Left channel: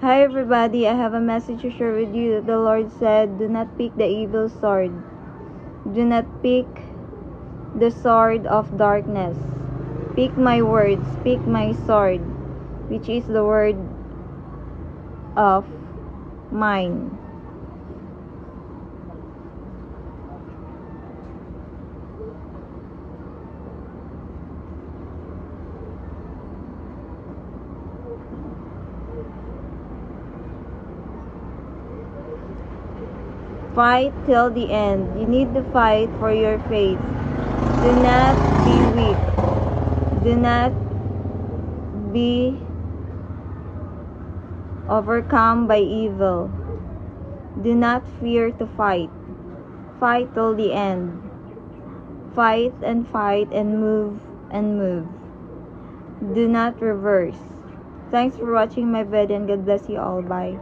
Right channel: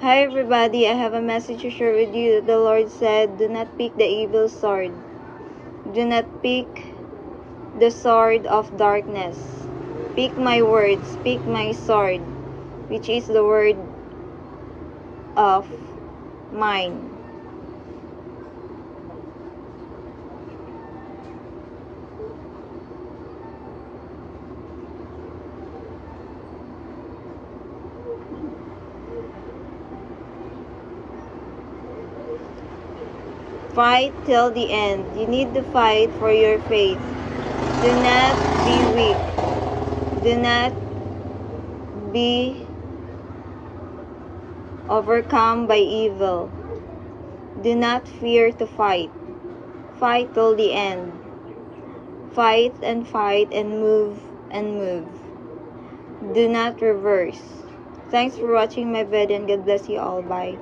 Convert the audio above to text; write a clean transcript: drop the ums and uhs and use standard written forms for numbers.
Hi everybody, I have a message to share with you. The Lord said, do not pick the evil sword. Do not pick the sword of darkness. Pick my words, pick my sword, which is the word of mine. Fight till the end. You need to fight for your faith. Do not be weak. Do not be overcome by evil. Do not fear to fight. Fight till the end. Fight and move and move. Do not reverse. Thanks for watching my video and God bless you all. Bye.